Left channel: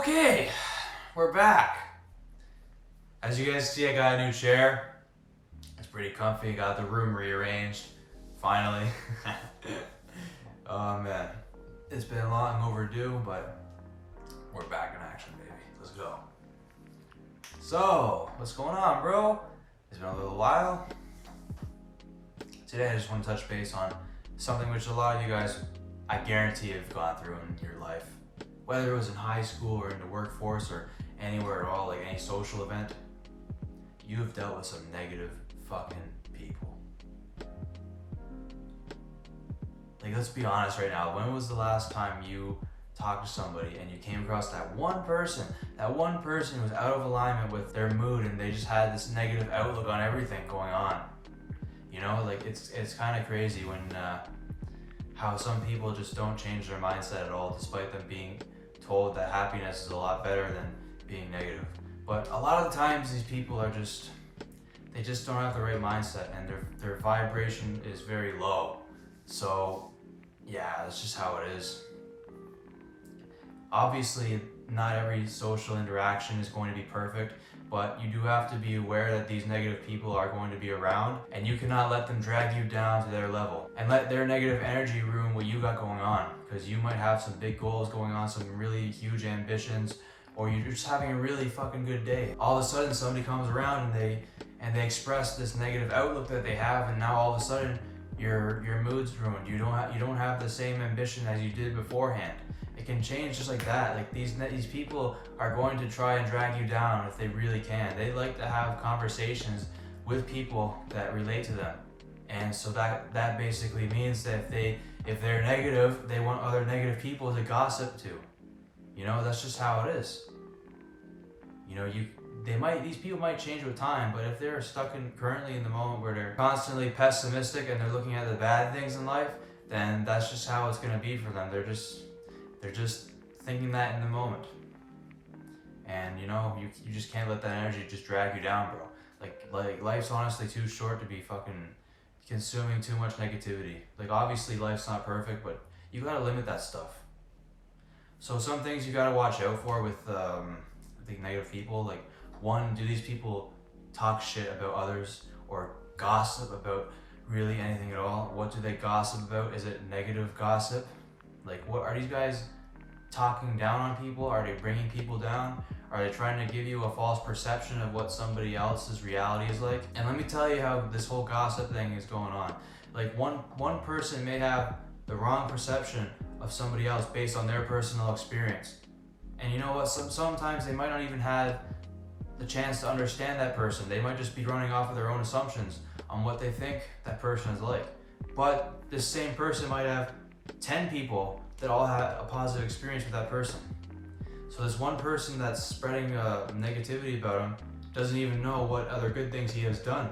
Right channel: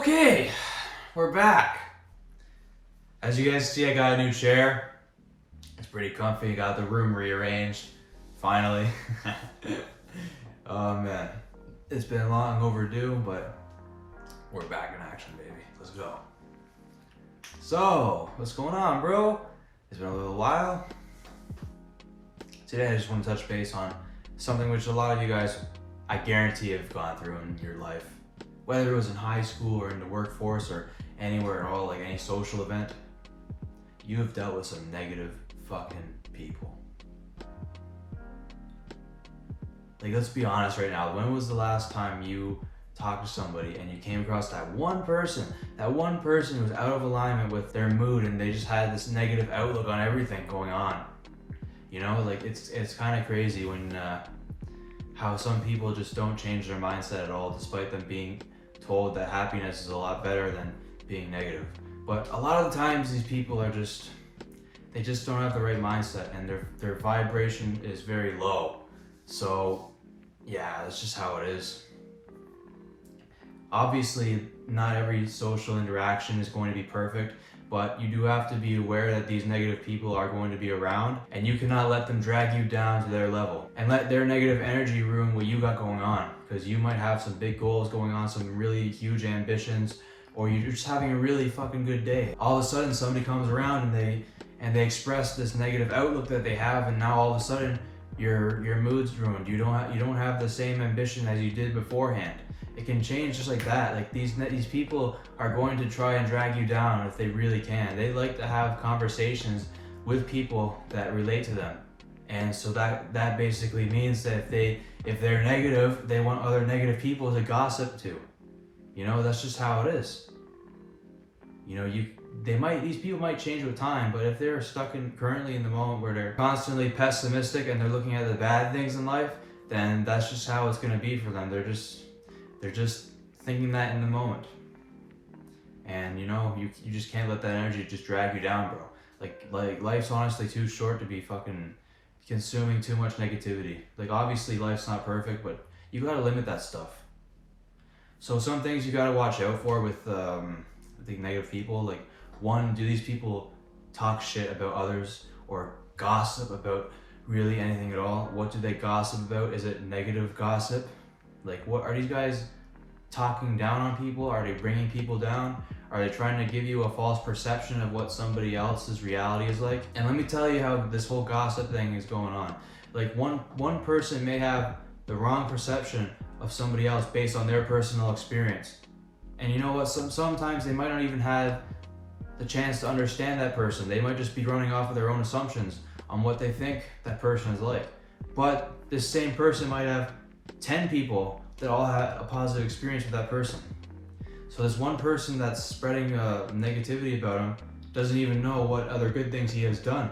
Okay, we're back. As you guys see, I got a new chair. It's pretty comfy. Got the room rearranged. Finally. Oh man, it's been long overdue, but we're back in action, baby. Let's go. So, what's going on, bro? It's been a little while. Today, I just want to touch base on something which a lot of you guys, I guarantee, have gone through in your life. Whether it was in high school or in the workforce or anywhere at all, like any social event, you have dealt with some negative fucking people. Like, let's be honest right now. When was the last time you talked to somebody and you came across that one person who was out of alignment with their mood and they just had this negative outlook on everything going on? You know, like it's kind of crazy when how some people just don't change their mindset at all, despite them being told that happiness is a lot better than being negative. But a lot of the times these people are they just don't have the right mindset, and their vibration is very low. So yeah, that's just how it is. Obviously, not every social interaction is going to be perfect, but you do have to be aware that these negative people are going to be around, and you cannot let them drag you down to their level and let their negative energy ruin what you got going on, because you might have some big goals going on, some really huge ambitions, or you're just having a really fucking good day. All of a sudden somebody comes around and they express this negative outlook that they have, and now all of a sudden your mood's ruined. You don't have the same ambition as you did beforehand. It can change just like that. Like these people are going to try and drag you down if they really can. They like to have conversations with people that relate to them, and so that basically means that if they're negative, they want other negative people to gossip to. You know, that's just how it is. You know, these people might change with time, but if they're stuck currently in the moment where they're constantly pessimistic and they're looking at the bad things in life, then that's just how it's going to be for them. They're just thinking that in the moment. And you know, you just can't let that energy just drag you down, bro. Like life's honestly too short to be fucking consuming too much negativity. Like obviously life's not perfect, but you gotta limit that stuff. So some things you gotta watch out for with the negative people. Like, one, do these people talk shit about others or gossip about really anything at all? What do they gossip about? Is it negative gossip? Like, what are these guys talking down on people? Are they bringing people down? Are they trying to give you a false perception of what somebody else's reality is like? And let me tell you how this whole gossip thing is going on. Like, one person may have the wrong perception of somebody else based on their personal experience. And you know what? Sometimes they might not even have the chance to understand that person. They might just be running off of their own assumptions on what they think that person is like. But this same person might have 10 people that all had a positive experience with that person. So this one person that's spreading negativity about him doesn't even know what other good things he has done.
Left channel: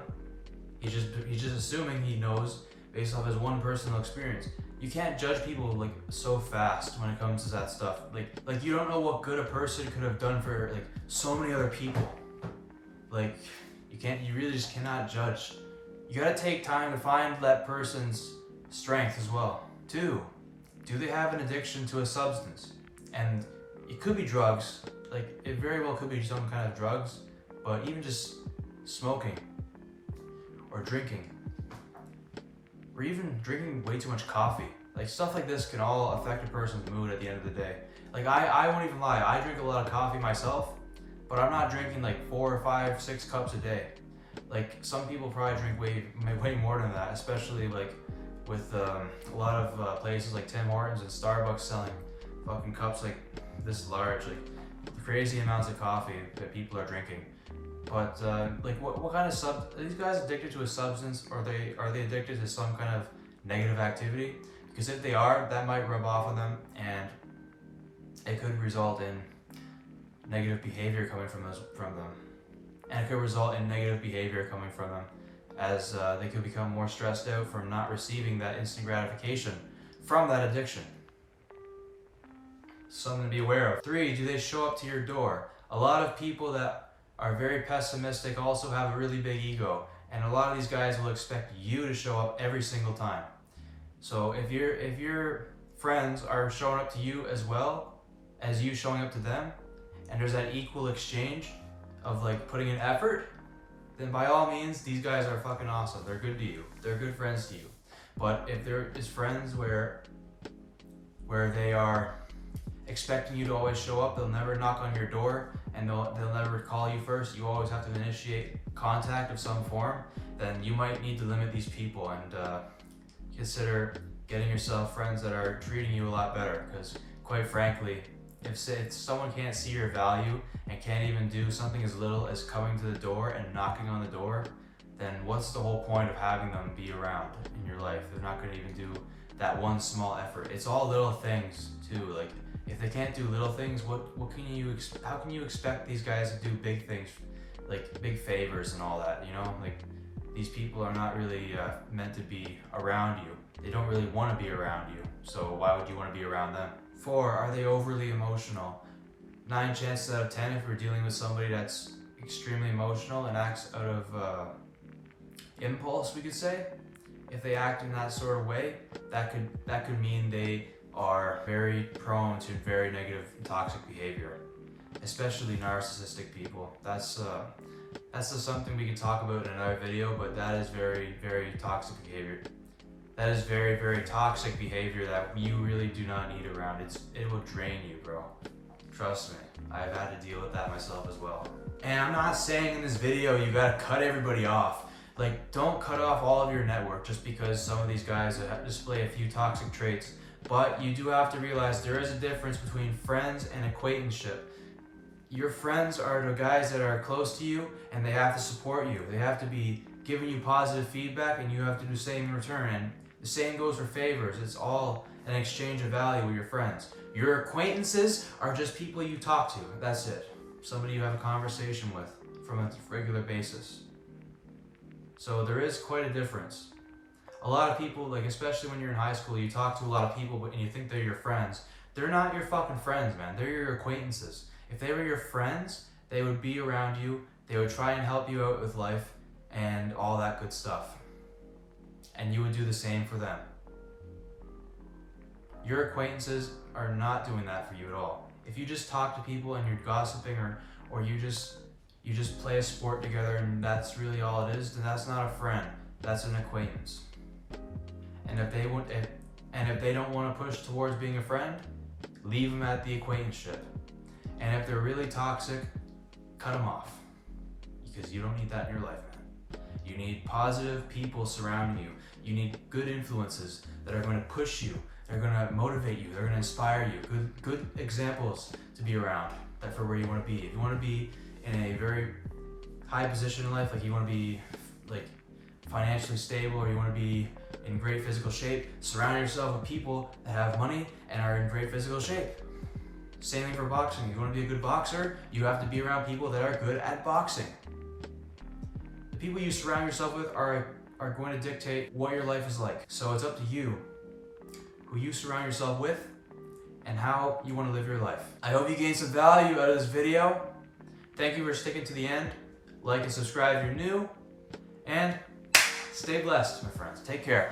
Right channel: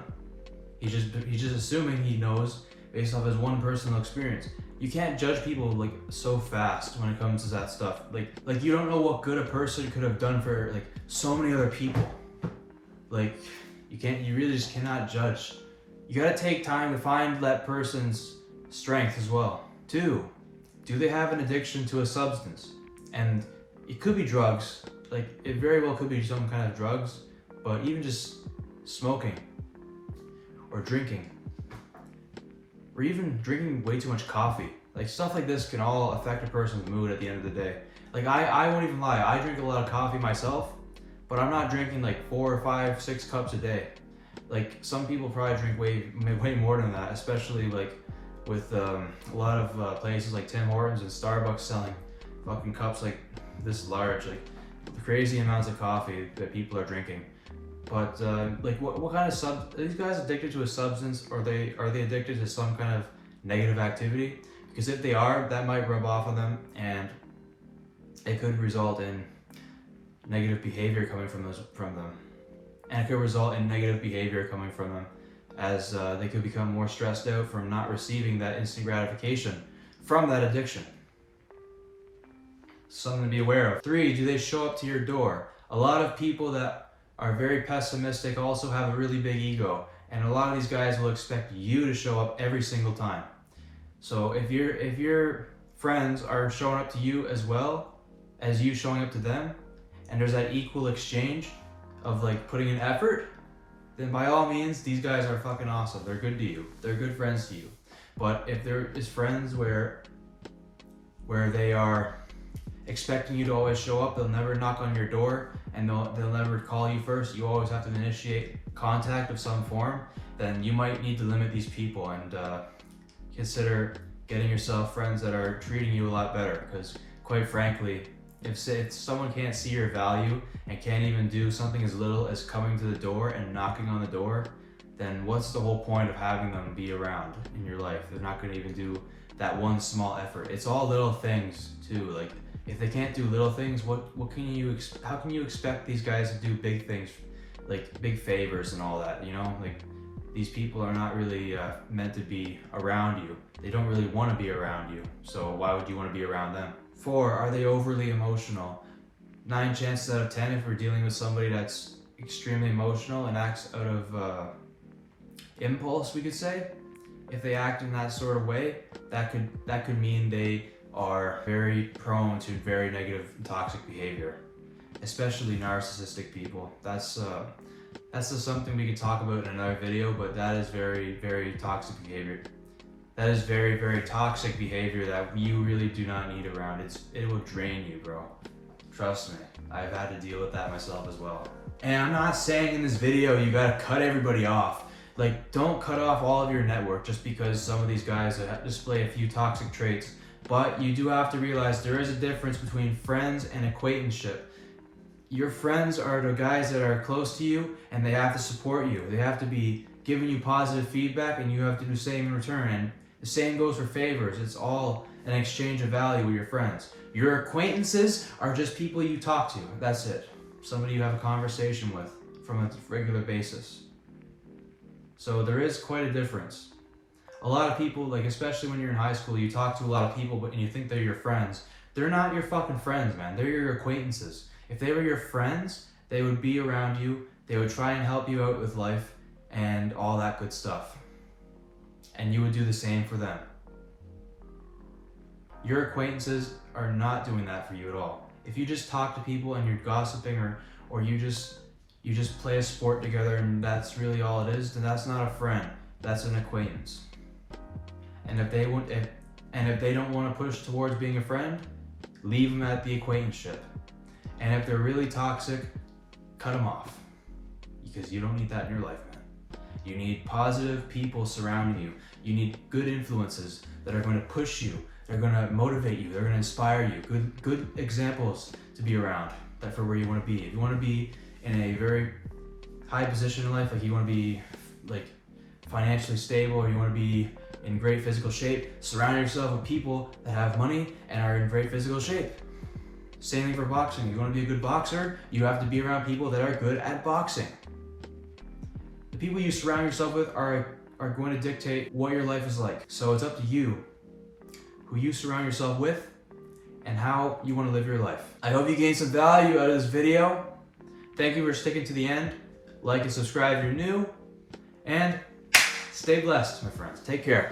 He's just assuming he knows based off his one personal experience. You can't judge people like so fast when it comes to that stuff. Like you don't know what good a person could have done for like so many other people. Like you really just cannot judge. You gotta take time to find that person's strength as well. 2, do they have an addiction to a substance? And it could be drugs. Like, it very well could be some kind of drugs, but even just smoking or drinking, or even drinking way too much coffee. Like, stuff like this can all affect a person's mood at the end of the day. Like, I won't even lie, I drink a lot of coffee myself, but I'm not drinking like 4, 5, 6 cups a day. Like, some people probably drink way more than that, especially like with a lot of places like Tim Hortons and Starbucks selling fucking cups like this large, like crazy amounts of coffee that people are drinking. But like what kind of are these guys addicted to a substance, or are they addicted to some kind of negative activity? Because if they are, that might rub off on them, and it could result in negative behavior coming from them. And it could result in negative behavior coming from them, as they could become more stressed out from not receiving that instant gratification from that addiction. Something to be aware of. 3, do they show up to your door? A lot of people that are very pessimistic also have a really big ego, and a lot of these guys will expect you to show up every single time. So if your friends are showing up to you as well as you showing up to them, and there's that equal exchange of like putting in effort, then by all means, these guys are fucking awesome. They're good to you. They're good friends to you. But if there is friends where they are expecting you to always show up, they'll never knock on your door, and they'll never call you first, you always have to initiate contact of some form, then you might need to limit these people and consider getting yourself friends that are treating you a lot better. Because quite frankly, if someone can't see your value and can't even do something as little as coming to the door and knocking on the door, then what's the whole point of having them be around in your life? They're not going to even do that one small effort. It's all little things too. Like if they can't do little things, how can you expect these guys to do big things, like big favors and all that? You know, like these people are not really meant to be around you. They don't really want to be around you. So why would you want to be around them? 4, are they overly emotional? 9 chances out of 10, if we're dealing with somebody that's extremely emotional and acts out of impulse, we could say, if they act in that sort of way, that could mean they are very prone to very negative and toxic behavior, especially narcissistic people. That's just something we could talk about in another video, but that is very, very toxic behavior. That is very, very toxic behavior that you really do not need around. It will drain you, bro. Trust me, I've had to deal with that myself as well. And I'm not saying in this video you gotta cut everybody off. Like, don't cut off all of your network just because some of these guys display a few toxic traits. But you do have to realize there is a difference between friends and acquaintanceship. Your friends are the guys that are close to you, and they have to support you. They have to be giving you positive feedback, and you have to do the same in return. And the same goes for favors. It's all an exchange of value with your friends. Your acquaintances are just people you talk to. That's it. Somebody you have a conversation with from a regular basis. So there is quite a difference. A lot of people, like especially when you're in high school, you talk to a lot of people and you think they're your friends. They're not your fucking friends, man. They're your acquaintances. If they were your friends, they would be around you. They would try and help you out with life and all that good stuff. And you would do the same for them. Your acquaintances are not doing that for you at all. If you just talk to people and you're gossiping or you just play a sport together and that's really all it is, then that's not a friend. That's an acquaintance. And if they don't want to push towards being a friend, leave them at the acquaintanceship. And if they're really toxic, cut them off. Because you don't need that in your life, man. You need positive people surrounding you. You need good influences that are going to push you. They're going to motivate you. They're going to inspire you. Good examples to be around for where you want to be. If you want to be in a very high position in life, like you want to be like financially stable, or you want to be in great physical shape, surround yourself with people that have money and are in great physical shape. Same thing for boxing. You want to be a good boxer, you have to be around people that are good at boxing. The people you surround yourself with are going to dictate what your life is like. So it's up to you who you surround yourself with and how you want to live your life. I hope you gained some value out of this video. Thank you for sticking to the end. Like and subscribe if you're new. And stay blessed, my friends. Take care.